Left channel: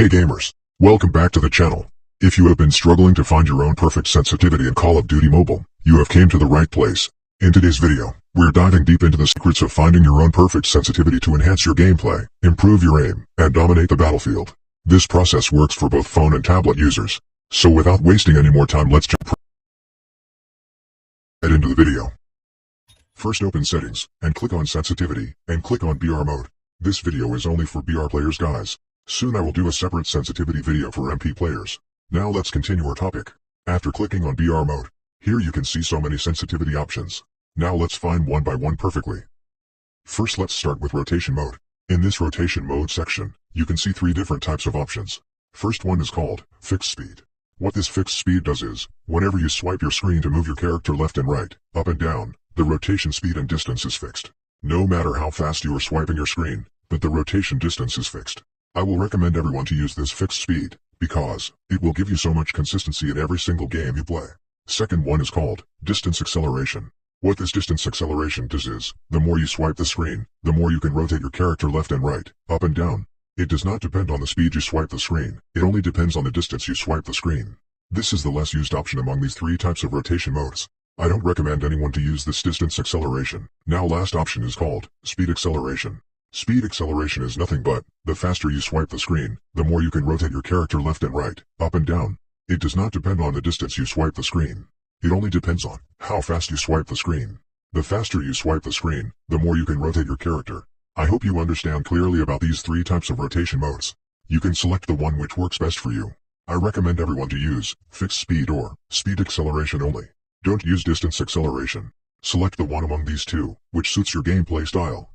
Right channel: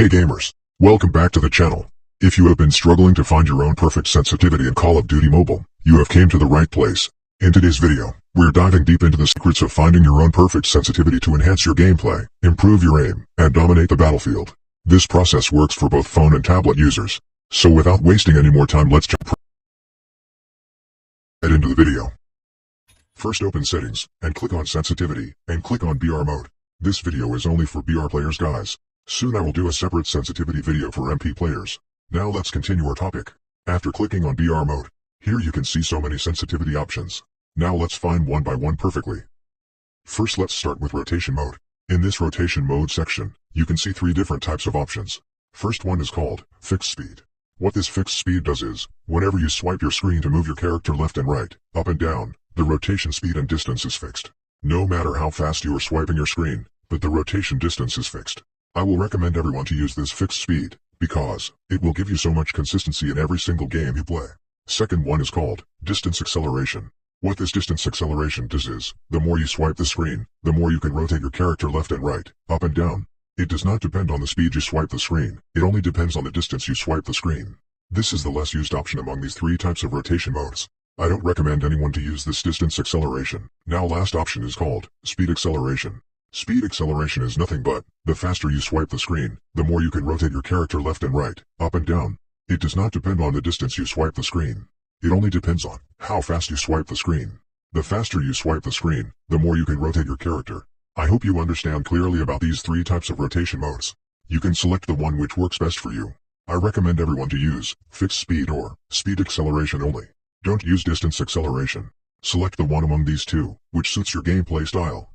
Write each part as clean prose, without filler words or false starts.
Hey gamers, welcome back to the channel. If you have been struggling to find your own perfect sensitivity in Call of Duty Mobile, you have came to the right place. In today's video, we're diving deep into the secrets of finding your own perfect sensitivity to enhance your gameplay, improve your aim, and dominate the battlefield. This process works for both phone and tablet users. So without wasting any more time, let's jump right into the video. First, open Settings, and click on Sensitivity, and click on BR mode. This video is only for BR players, guys. Soon I will do a separate sensitivity video for MP players. Now let's continue our topic. After clicking on BR mode, here you can see so many sensitivity options. Now let's find one by one perfectly. First, let's start with rotation mode. In this rotation mode section, you can see 3 different types of options. First one is called fixed speed. What this fixed speed does is, whenever you swipe your screen to move your character left and right, up and down, the rotation speed and distance is fixed. No matter how fast you are swiping your screen, but the rotation distance is fixed. I will recommend everyone to use this fixed speed, because it will give you so much consistency in every single game you play. Second one is called distance acceleration. What this distance acceleration does is, the more you swipe the screen, the more you can rotate your character left and right, up and down. It does not depend on the speed you swipe the screen, it only depends on the distance you swipe the screen. This is the less used option among these 3 types of rotation modes. I don't recommend anyone to use this distance acceleration. Now last option is called speed acceleration. Speed acceleration is nothing but, the faster you swipe the screen, the more you can rotate your character left and right, up and down. It does not depend on the distance you swipe the screen. It only depends on how fast you swipe the screen. The faster you swipe the screen, the more you can rotate your character. I hope you understand clearly about these 3 types of rotation modes. You can select the one which works best for you. I recommend everyone to use fixed speed or speed acceleration only. Don't use distance acceleration. Select the one among these 2, which suits your gameplay style.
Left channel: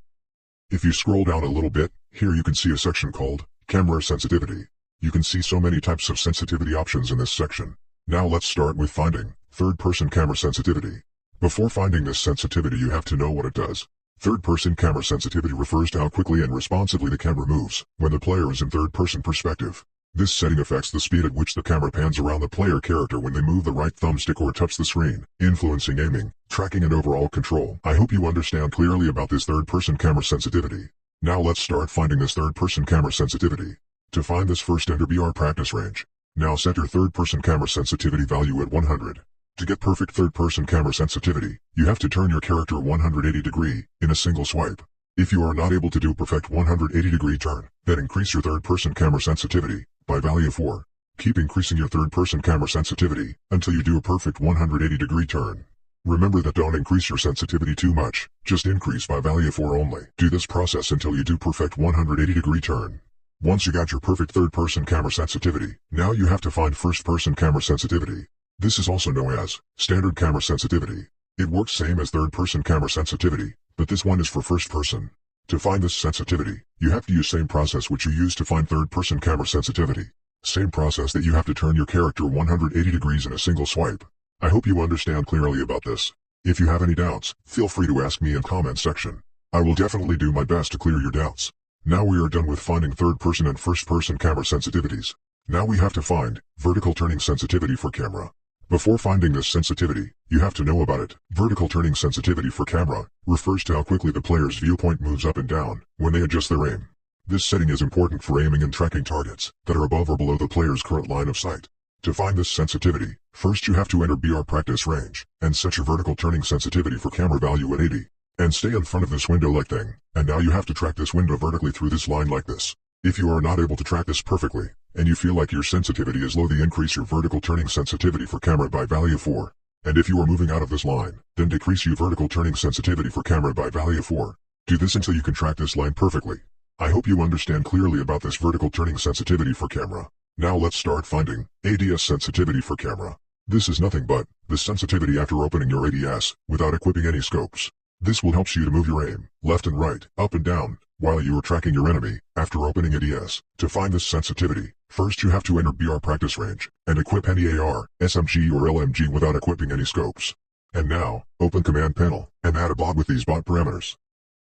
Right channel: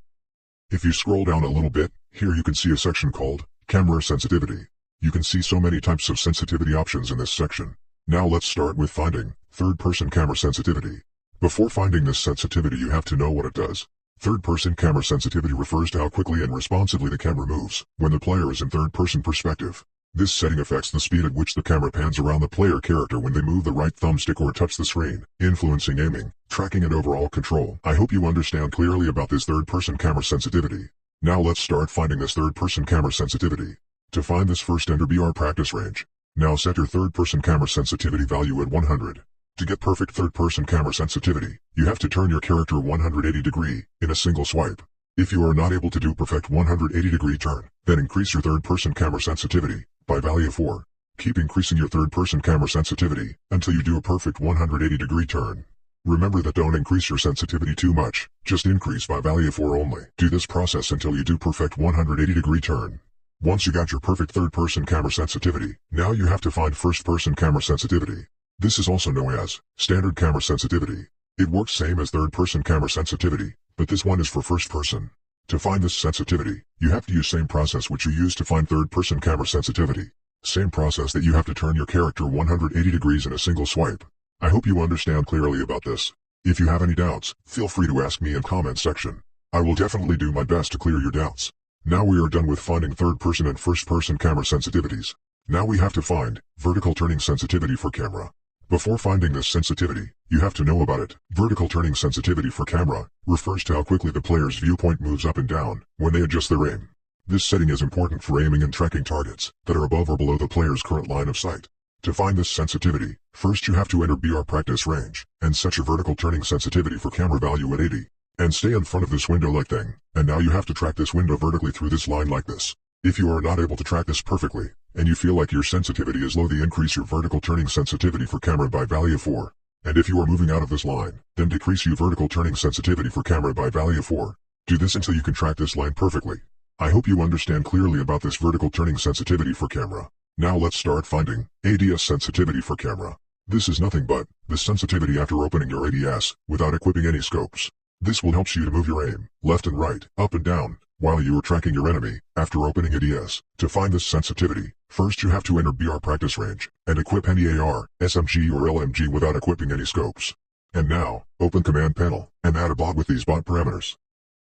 If you scroll down a little bit, here you can see a section called Camera Sensitivity. You can see so many types of sensitivity options in this section. Now let's start with finding third-person camera sensitivity. Before finding this sensitivity, you have to know what it does. Third-person camera sensitivity refers to how quickly and responsively the camera moves when the player is in third-person perspective. This setting affects the speed at which the camera pans around the player character when they move the right thumbstick or touch the screen, influencing aiming, tracking and overall control. I hope you understand clearly about this third-person camera sensitivity. Now let's start finding this third-person camera sensitivity. To find this, first enter BR practice range. Now set your third-person camera sensitivity value at 100. To get perfect third-person camera sensitivity, you have to turn your character 180 degree in a single swipe. If you are not able to do perfect 180 degree turn, then increase your third-person camera sensitivity by value 4. Keep increasing your third-person camera sensitivity until you do a perfect 180 degree turn. Remember that don't increase your sensitivity too much, just increase by value 4 only. Do this process until you do perfect 180 degree turn. Once you got your perfect third-person camera sensitivity, now you have to find first-person camera sensitivity. This is also known as standard camera sensitivity. It works same as third-person camera sensitivity, but this one is for first person. To find this sensitivity, you have to use same process which you use to find third-person camera sensitivity. Same process that you have to turn your character 180 degrees in a single swipe. I hope you understand clearly about this. If you have any doubts, feel free to ask me in comment section. I will definitely do my best to clear your doubts. Now we are done with finding third-person and first-person camera sensitivities. Now we have to find vertical turning sensitivity for camera. Before finding this sensitivity, you have to know about it. Vertical turning sensitivity for camera refers to how quickly the player's viewpoint moves up and down when they adjust their aim. This setting is important for aiming and tracking targets that are above or below the player's current line of sight. To find this sensitivity, first you have to enter BR practice range and set your vertical turning sensitivity for camera value at 80. And stay in front of this window like thing, and now you have to track this window vertically through this line like this. If you are not able to track this perfectly, and you feel like your sensitivity is low, then increase your vertical turning sensitivity for camera by value 4. And if you are moving out of this line, then decrease your vertical turning sensitivity for camera by value 4. Do this until you can track this line perfectly. I hope you understand clearly about this vertical turning sensitivity for camera. Now let's start finding ADS sensitivity for camera. This is nothing but the sensitivity after opening your ADS without equipping any scopes. This will help you to move your aim left and right, up and down, while you are tracking your enemy after opening ADS. To find this sensitivity, first you have to enter BR practice range and equip any AR, SMG or LMG without equipping any scopes. And now, open command panel and add a bot with these bot parameters.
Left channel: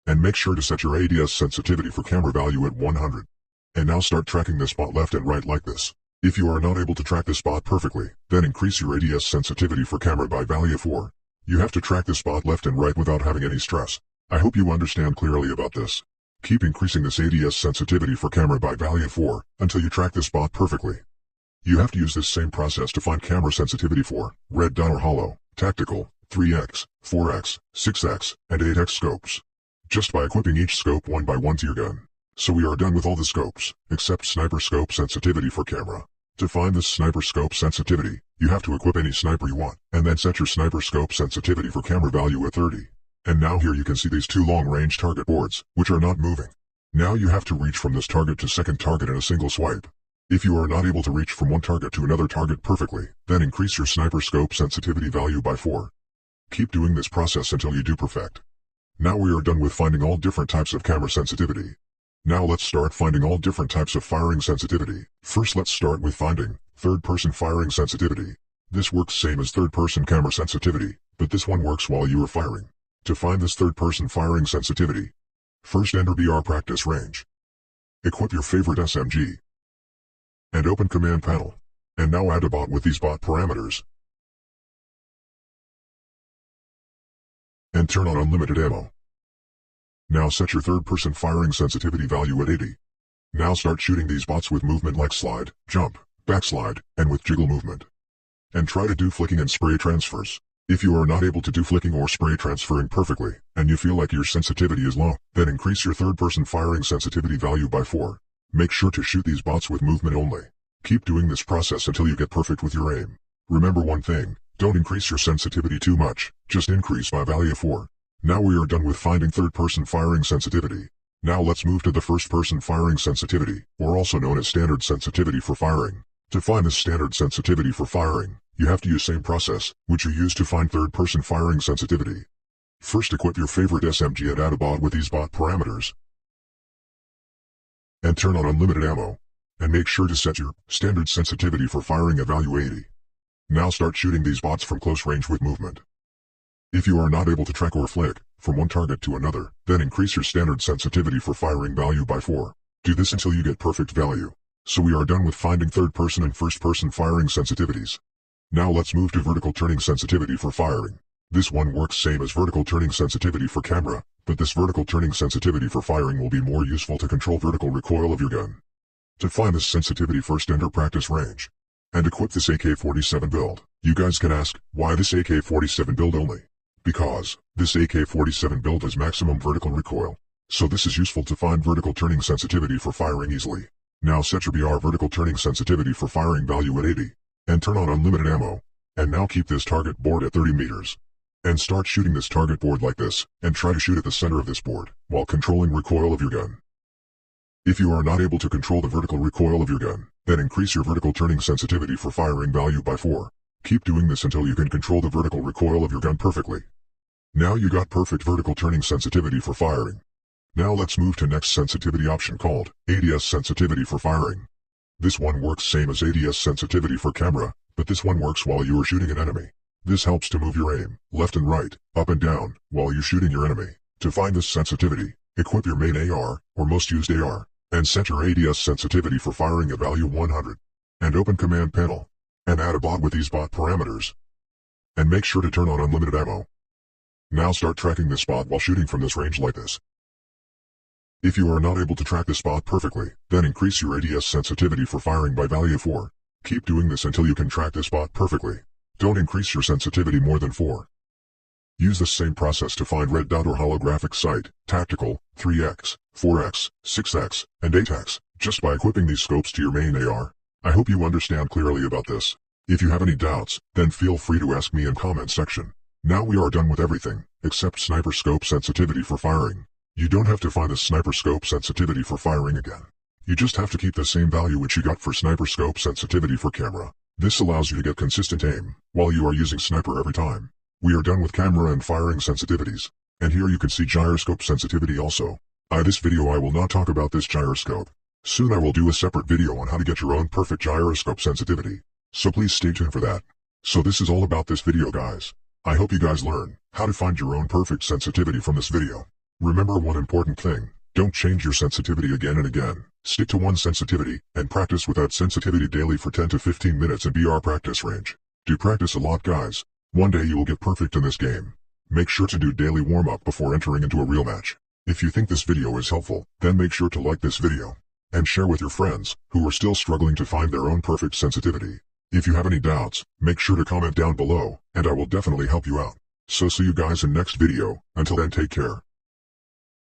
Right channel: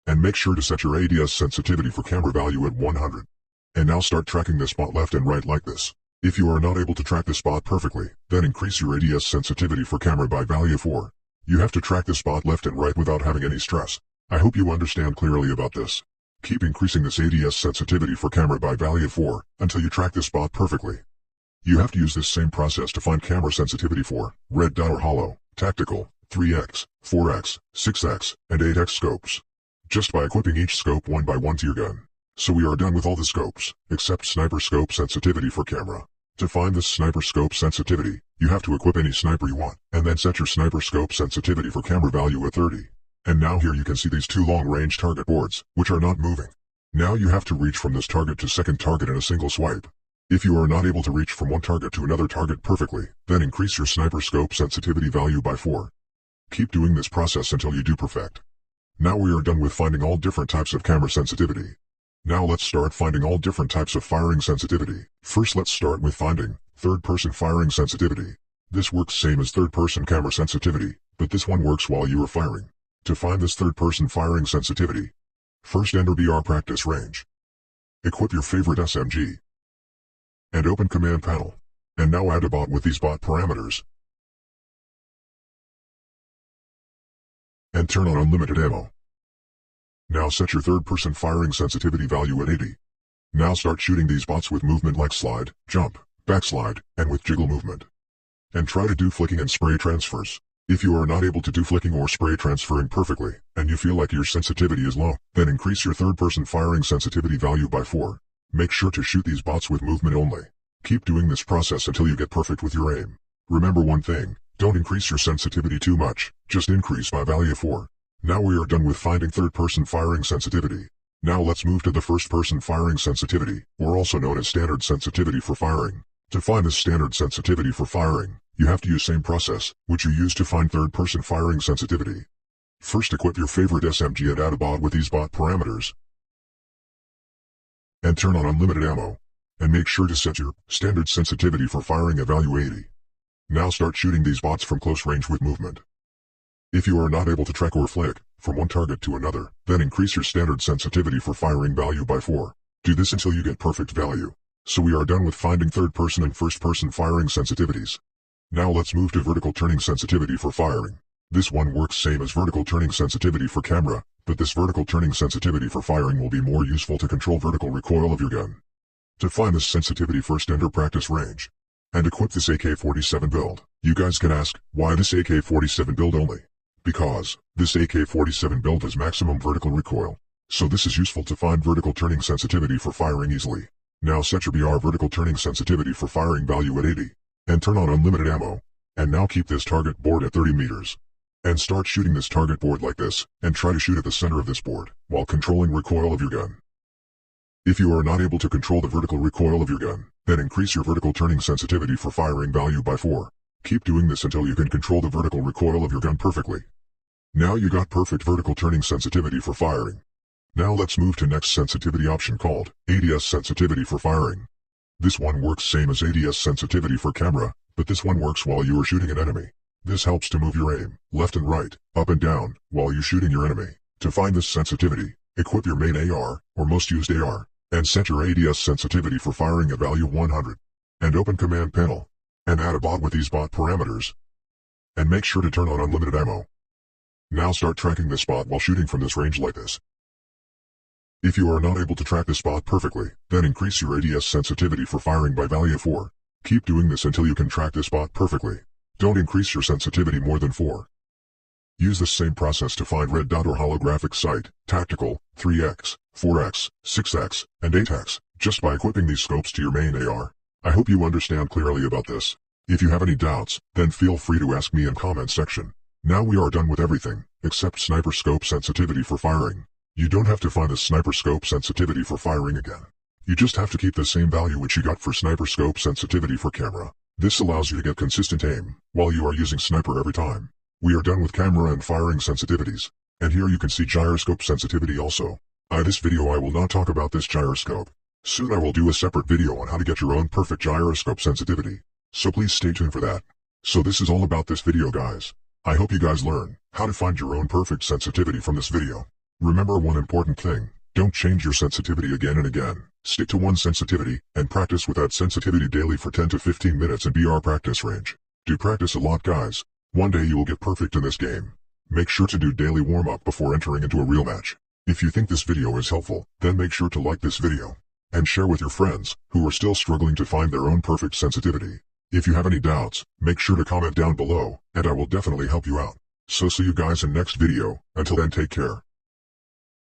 And make sure to set your ADS sensitivity for camera value at 100. And now start tracking this bot left and right like this. If you are not able to track this bot perfectly, then increase your ADS sensitivity for camera by value 4. You have to track this bot left and right without having any stress. I hope you understand clearly about this. Keep increasing this ADS sensitivity for camera by value of 4 until you track this spot perfectly. You have to use this same process to find camera sensitivity for red dot or hollow, tactical, 3x, 4x, 6x, and 8x scopes. Just by equipping each scope one by one to your gun. So we are done with all the scopes, except sniper scope sensitivity for camera. To find this sniper scope sensitivity, you have to equip any sniper you want, and then set your sniper scope sensitivity for camera value at 30. And now here you can see these two long-range target boards, which are not moving. Now you have to reach from this target to second target in a single swipe. If you are not able to reach from one target to another target perfectly, then increase your sniper scope sensitivity value by 4. Keep doing this process until you do perfect. Now we are done with finding all different types of camera sensitivity. Now let's start finding all different types of firing sensitivity. First let's start with finding third-person firing sensitivity. This works same as third-person camera sensitivity, but this one works while you are firing. To find this third-person firing sensitivity, first enter BR practice range. Equip your favorite SMG. And open command panel. And now add a bot with these bot parameters. And turn on unlimited ammo. Now set your third-person firing sensitivity value at 80. Now start shooting these bots with movement like slide, jump, backslide, and with jiggle movement. And try to do flicking and spray transfers. If you are not able to do flicking or spray transferring perfectly, and you feel like your sensitivity is low, then increase your third-person firing sensitivity value by 4. Make sure to shoot these bots with movement only. Keep doing this process until you get perfect with your aim. Remember one thing, don't increase your sensitivity too much, just increase by value of 4. Now we are done with finding third-person firing sensitivity. Now let's move to the first-person firing sensitivity, or also known as standard sensitivity for firing. To find this standard sensitivity for firing, you have to use same process, which you use to find third-person firing sensitivity. First equip your favorite SMG and add a bot with these bot parameters. And turn on unlimited ammo. And make sure to set your standard sensitivity for firing at value 80. Now start shooting these bots from close range with movement. If you are not able to track or flick from one target to another, then increase your standard sensitivity for firing value by 4. Do this until you get perfect value. So we are done with finding third-person and first-person firing sensitivities. Now let's move to vertical turning sensitivity for firing. This one works same as vertical turning sensitivity for camera, but this vertical turning sensitivity for firing will be more useful to control vertical recoil of your gun. To find this sensitivity, first enter practice range. And equip this AK-47 build. You guys can ask, why this AK-47 build only? Because this AK-47 build has maximum vertical recoil. So this is useful to find vertical turning sensitivity for firing easily. Now set your BR vertical turning sensitivity for firing value at 80. And turn on unlimited ammo. And now keep this target board at 30 meters. And start shooting this target board like this, and try to shoot at the center of this board, while controlling recoil of your gun. If you are not able to control the vertical recoil of your gun, then increase your vertical turning sensitivity for firing value by 4. Keep doing this until you can control the vertical recoil of your gun perfectly. Now you got perfect vertical turning sensitivity for firing. Now let's move to next sensitivity option called ADS sensitivity for firing. This one works same as ADS sensitivity for camera, but this one works while you are shooting an enemy. This helps to move your aim, left and right, up and down, while you're shooting your enemy. To find this sensitivity, equip your main AR, or most used AR, and set your ADS sensitivity for firing at value 100. And open command panel. And add a bot with these bot parameters. And make sure to turn on unlimited ammo. Now start tracking this spot while shooting from this range like this. If you are not able to track this spot perfectly, then increase your ADS sensitivity for firing by value of 4. Keep doing this until you can track this spot perfectly. Don't increase your sensitivity more than 4. Use the same process to find red dot or holographic sight, tactical, 3x, 4x, 6x, and 8x, just by equipping these scopes to your main AR. I hope you understand clearly about this. If you have any doubts, then feel free to ask me in comment section. Now we are done with everything, except sniper scope sensitivity for firing. You don't have to find the sniper scope sensitivity for firing again. You just have to keep the same value which you got for sniper scope sensitivity for camera. This allows you to get consistent aim, while you are using sniper every time. We are done with camera and firing sensitivities. And here you can see gyroscope sensitivity also. This video I will not talk about this gyroscope. Soon I will do a separate video on how to get your own perfect gyroscope sensitivity. So please stay tuned for that. So this is all about this video guys. I hope you guys learn how to find your own perfect sensitivity from this video. Remember one important thing, don't change your sensitivity again and again. Stick to one sensitivity, and practice with that sensitivity daily for 10 to 15 minutes in BR practice range. Do practice a lot guys. One day you will get perfect in this game. Make sure to do daily warm-up before entering into a real match. If you think this video is helpful, then make sure to like this video and share with your friends who are still struggling to find their own perfect sensitivity. If you have any doubts, make sure to comment down below, and I will definitely help you out. So see you guys in next video. Until then, take care.